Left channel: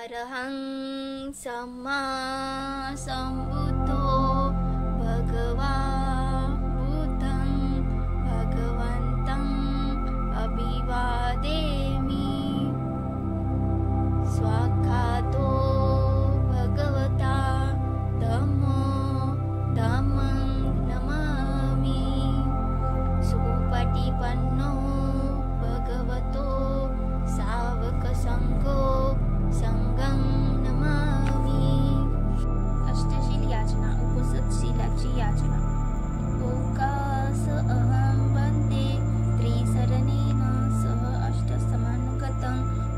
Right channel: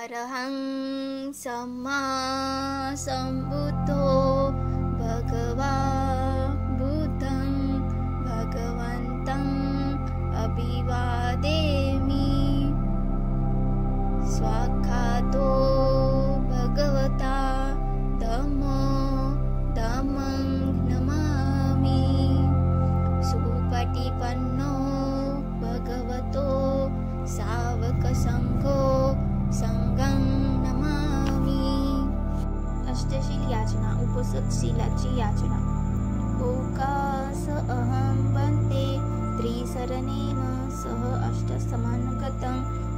अरहं सम्मा सम्बुद्धो भगवा बुद्धं भगवन्तम् अभिवादेमि। स्वाख्यातो भगवता धम्मो धम्मं नमामि। सुपटिपन्नो भगवतो सावकसङ्घो संघं नमामि। अष्टशील याचना, उपसतशीलाची याचना। ओकास अहं वन्दे त्रिसरणेन सह अष्टसमानगतं।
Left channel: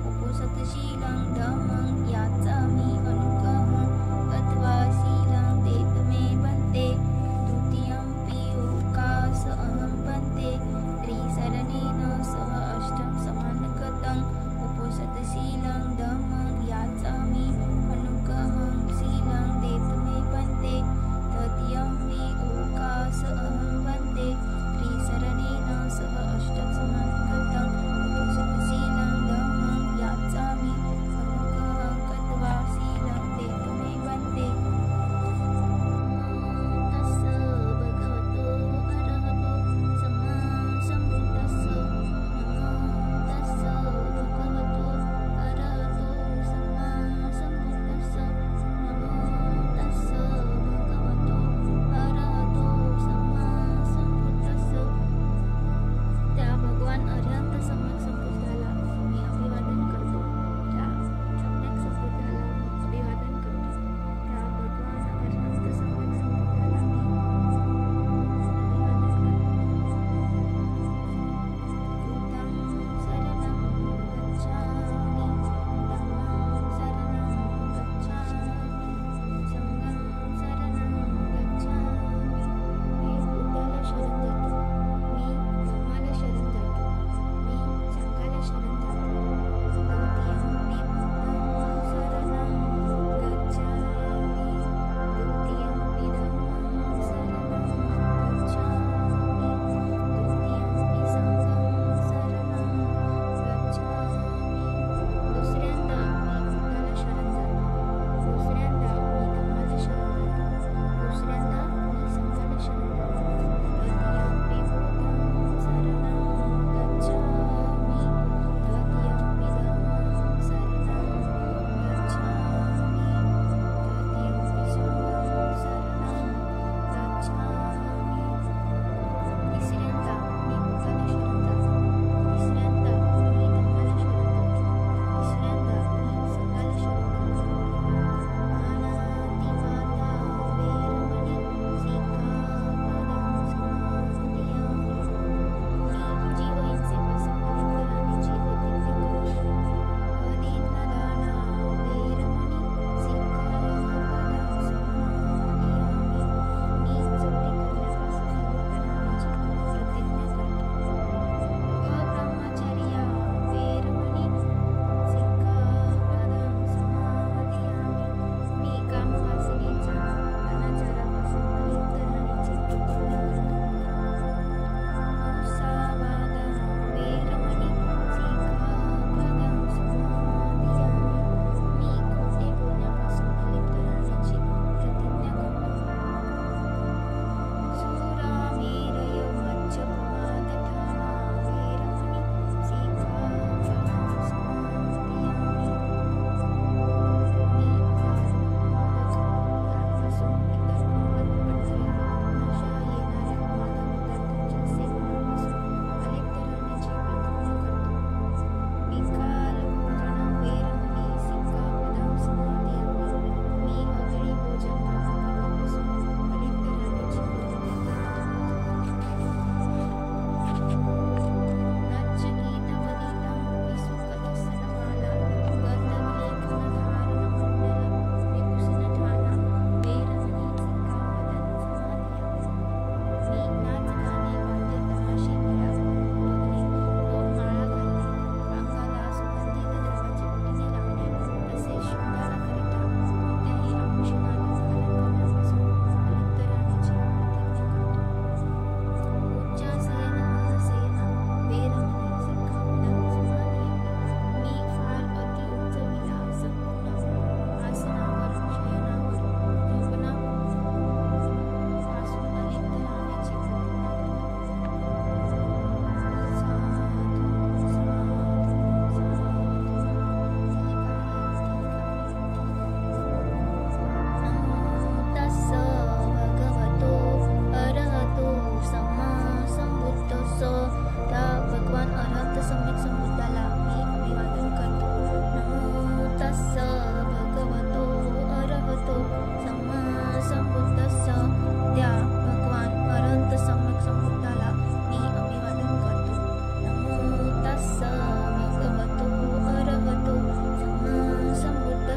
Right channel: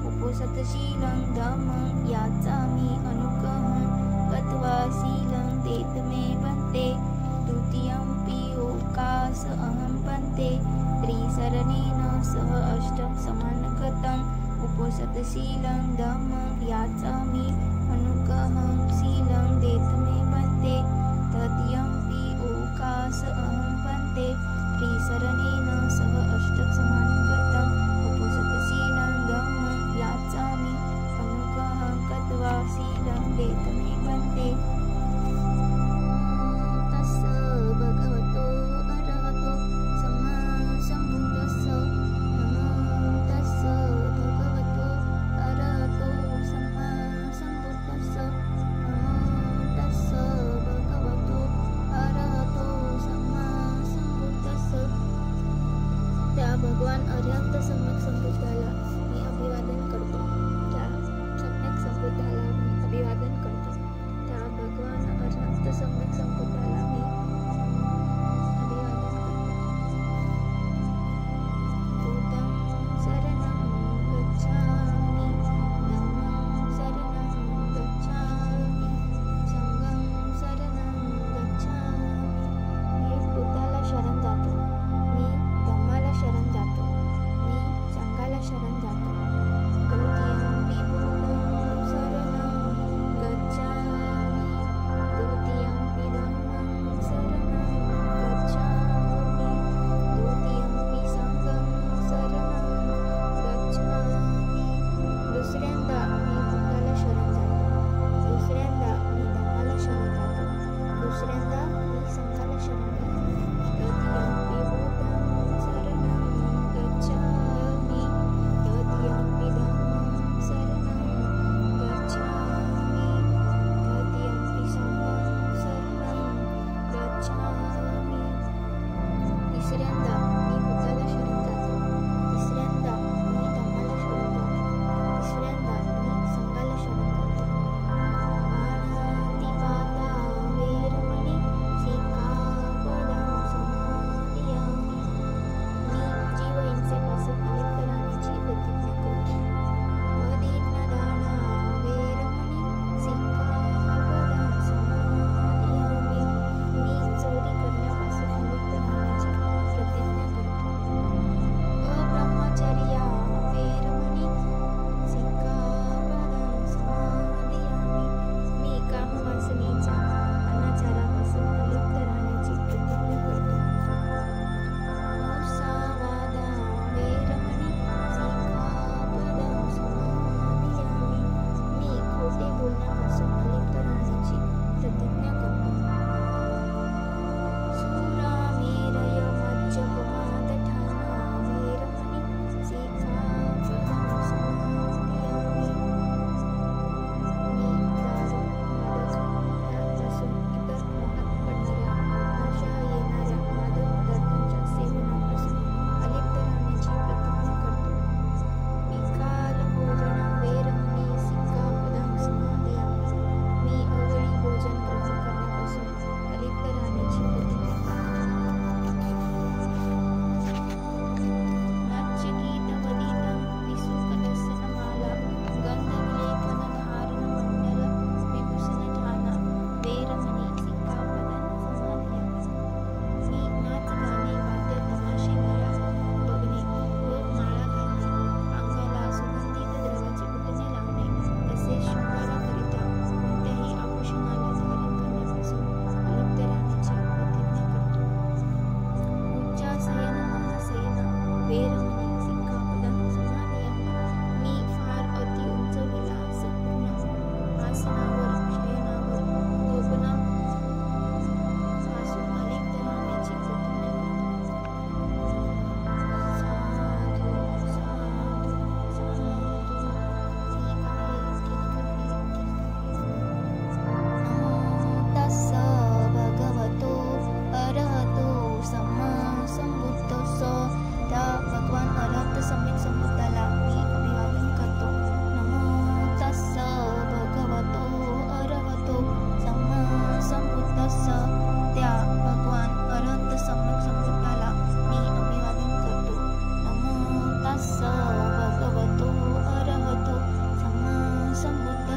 उपसतशीलं धम्मं याचामि अनुग्रहं गत्वा शीलं देतमे वन्दे। द्वितीयंपि ओकास अहं वन्दे त्रिसरणेन सह अष्टसमानगतं। उपसतशीलं धम्मं याचामि अनुग्रहं शीलं देतमे वन्दे। तृतीयंपि ओकास अहं वन्दे त्रिसरणेन सह अष्टसमानगतं। उपसतशीलं धम्मं याचामि अनुग्रहं गत्वा शीलं देतमे वन्दे। तस्य भगवतो अरहतो सम्मा सम्बुद्धस्य। नमो तस्य भगवतो अरहतो सम्मा सम्बुद्धस्य। नमो तस्य भगवतो अरहतो सम्मा सम्बुद्धस्य। त्या भगवान अरिहंत सम्यक संबुद्धाला मी अभिवादन करतो। त्या सम्यक संबुद्धाला मी अभिवादन करतो। त्या भगवान अरिहंत सम्यक संबुद्धाला मी अभिवादन करतो। बुद्धं शरणं गच्छामि, धम्मं शरणं गच्छामि, संघं शरणं गच्छामि। मी बुद्धाला शरण जातो, मी धम्माला शरण जातो, मी संघाला शरण जातो। द्वितीय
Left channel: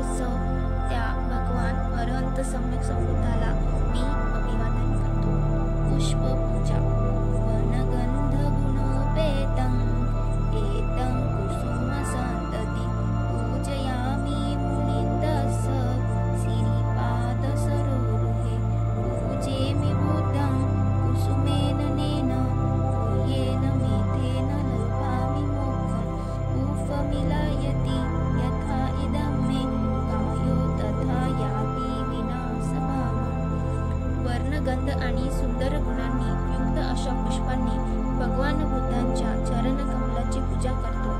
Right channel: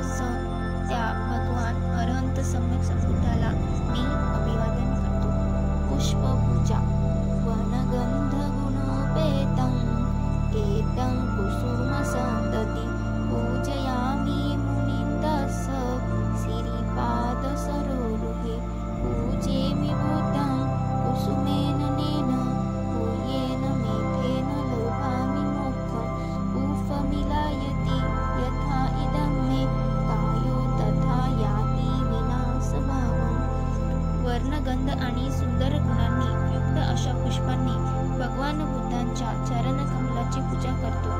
तसं त्या भगवान अरहंत सम्यक संबुद्धाला मी अभिवादन करतो. पुष्पपूजा. वनगंध गुणोपेतं एतं कुसुमसन्तति पूजयामि मुनिन्दस्य सिरिपादसरोरुहे पूजेमि बुद्धं कुसुमेन नेन पूयेन मेथेन लोभामि मोक्षं उफमिलायति यथा इदं मे कायो तथा याति विनाशभावम्. वर्णगंध आणि सुंदर गुणांनी युक्त अशा पुष्पांनी भगवान बुद्धांच्या चरणकमलाची पूजा करतो.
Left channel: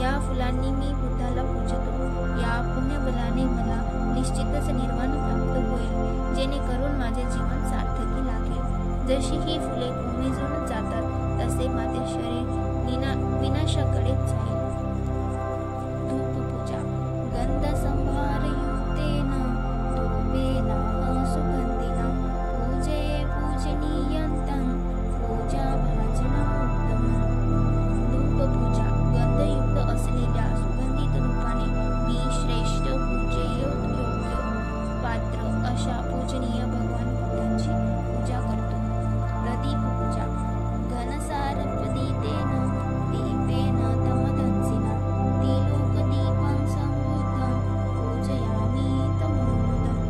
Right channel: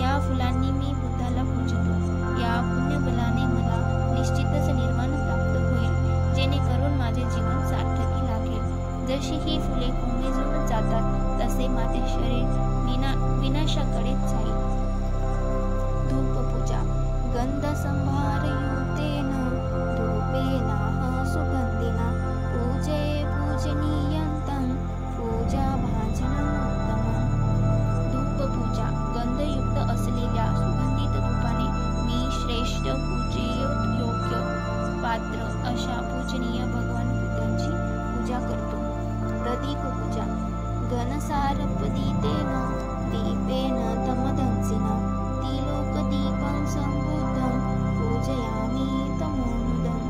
या फुलांनी मी बुद्धाला पूजतो. या पुण्यबलाने मला निश्चितच निर्वाण प्राप्त होईल, जेणेकरून माझे जीवन सार्थकी लागेल. जशी ही फुले कोमेजून जातात तसे माझे शरीर विनाशाकडे जाईल. धूपपूजा. गंधसंभारयुतेन धूपेनाह सुगंधिना पूजये पूजनीयन्तं पूजाभाजनमुत्तमम्. धूपपूजा. गंधयुक्त असलेल्या सुगंधित धूपाने मी श्रेष्ठ पूजेयोग्य पात्र अशा पूजनीय भगवान बुद्धांची पूजा करतो. प्रदीपपूजा. घनसारपदीतेन दीपेन तमदंसिना तिलोकदीपं संबुद्धं पूजयामि तमोनुदम्.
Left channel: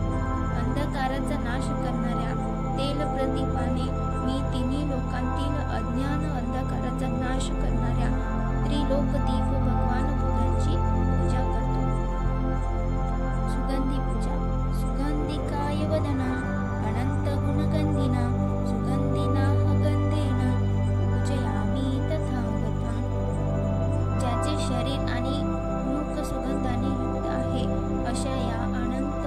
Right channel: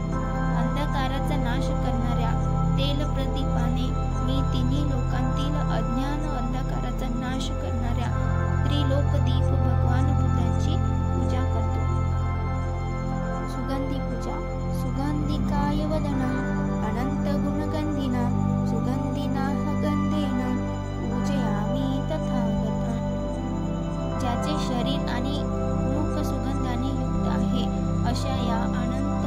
अंधकाराचा नाश करणाऱ्या तेलप्रदीपाने मी तिन्ही लोकांतील अज्ञान अंधकाराचा नाश करणाऱ्या त्रिलोकदीप भगवान बुद्धांची पूजा करतो. सुगंधी पूजा. सुगंधिकाय वदनं अनंतगुणगंधिना सुगंधिनाः गंधेन पूजयामि तथागतं. ज्याचे शरीर आणि मुख सुगंधाने युक्त आहे अशा या अनंत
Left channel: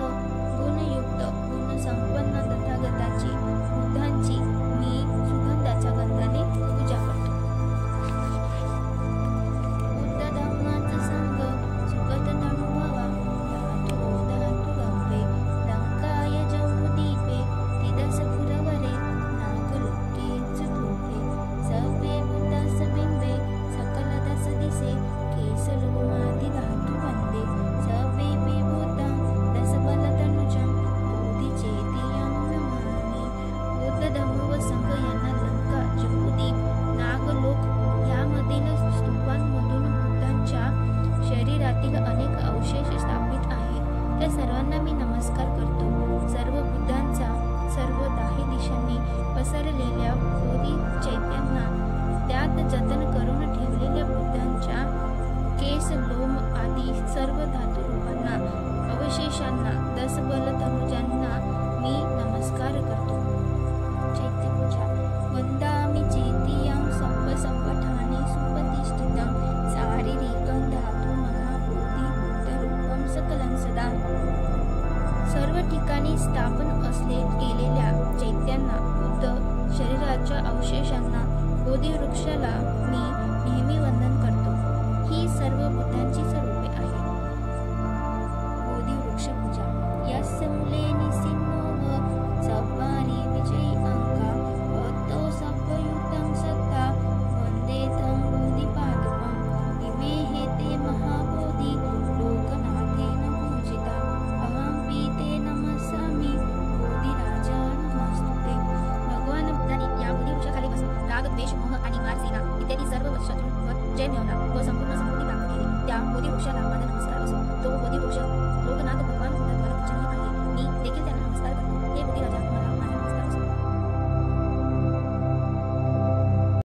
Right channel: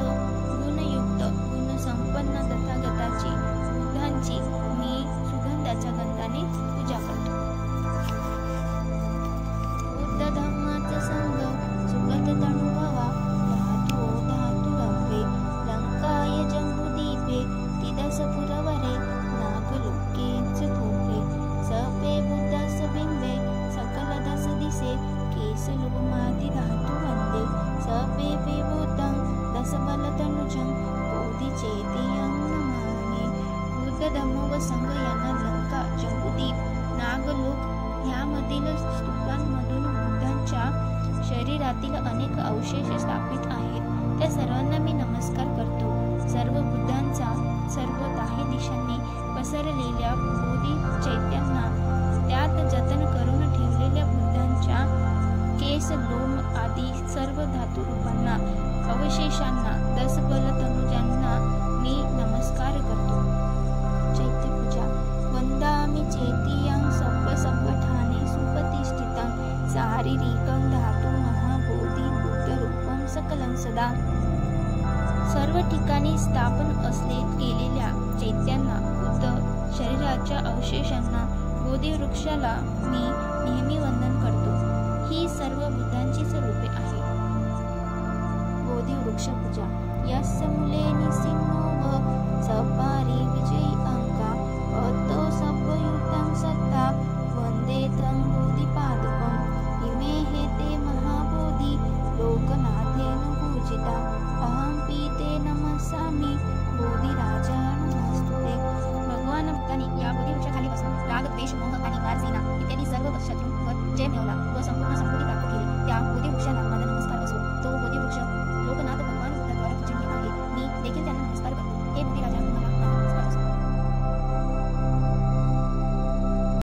गुणयुक्त गुणसंपन्न तथागताची बुद्धांची मी सुगंधाच्या गंधाने पूजा करतो. बुद्ध धम्माचा संग सुगत तनुभवा धातु धातुरव्ये लंकाय जम्बुदीपे तिदस पुरवरे नागलोके चतुर्थे सभे बुद्धस बिंबे सकल दस दिसे केसलोमादि धातु वंदे सभे बुद्धं दस बलतनुजं बोधिचेतियं नमामि. बुद्ध धम्म व संघ यांना लंका, जम्बूद्वीप, नागलोक यामधील स्तूपांमधून बुद्धांच्या शरीरातील अनेक अवशेष स्थापित आहेत. त्या सर्वांना मी नमस्कार करतो. सर्व बुद्धांचा सर्व दाही दिशांनी पसरलेल्या बोधी चैत्यांना, त्यात जतन करून ठेवलेल्या बुद्धांच्या केस, लोम आदी सर्व धातु रूपांना, अवशेषांना, 10 बल तनुजांना मी नमस्कार करतो. चैत्यपूजा. वंदामि चेतियं सप्पठाने सुप्रतिष्ठितं शारीरिकं धातु महाबोधी बुद्धरूपं सकलं सदा. सर्व ठिकाणी स्थापन केलेल्या चैत्यांना, बुद्ध शरीराच्या अवशेषांना, बोधिवृक्षाला मी नेहमी वंदन करतो. ही सर्व बुद्धांची स्वरूपे आहे. बोधिवृक्ष पूजा. यस्य मूले निसिन्नो सपारी विजयी अंका पतो सब्बयुतं सत्ता वंदे तं बोधिपादपम्. इमे हे ते महाबोधी लोकनाथेन पूजिता अहं पीते नमस्सामि बोधिराजा नमस्तुते. भगवान बुद्धांनी या बोधिवृक्षाखाली बसून राग, द्वेष, मोह आणि वारसेना इत्यादी सर्व शत्रूंवर जय मिळवला व संपूर्ण समृद्धी प्राप्त केली. त्या बोधिवृक्षाला माझा नमस्कार असो. तो बोधिवृक्ष लोकनाथ भगवान बुद्धाद्वारा पूजनीय आहे. मी देखील त्यांना नमस्कार करतो. हे बोधिराजा तुम्हाला माझा नमस्कार असो.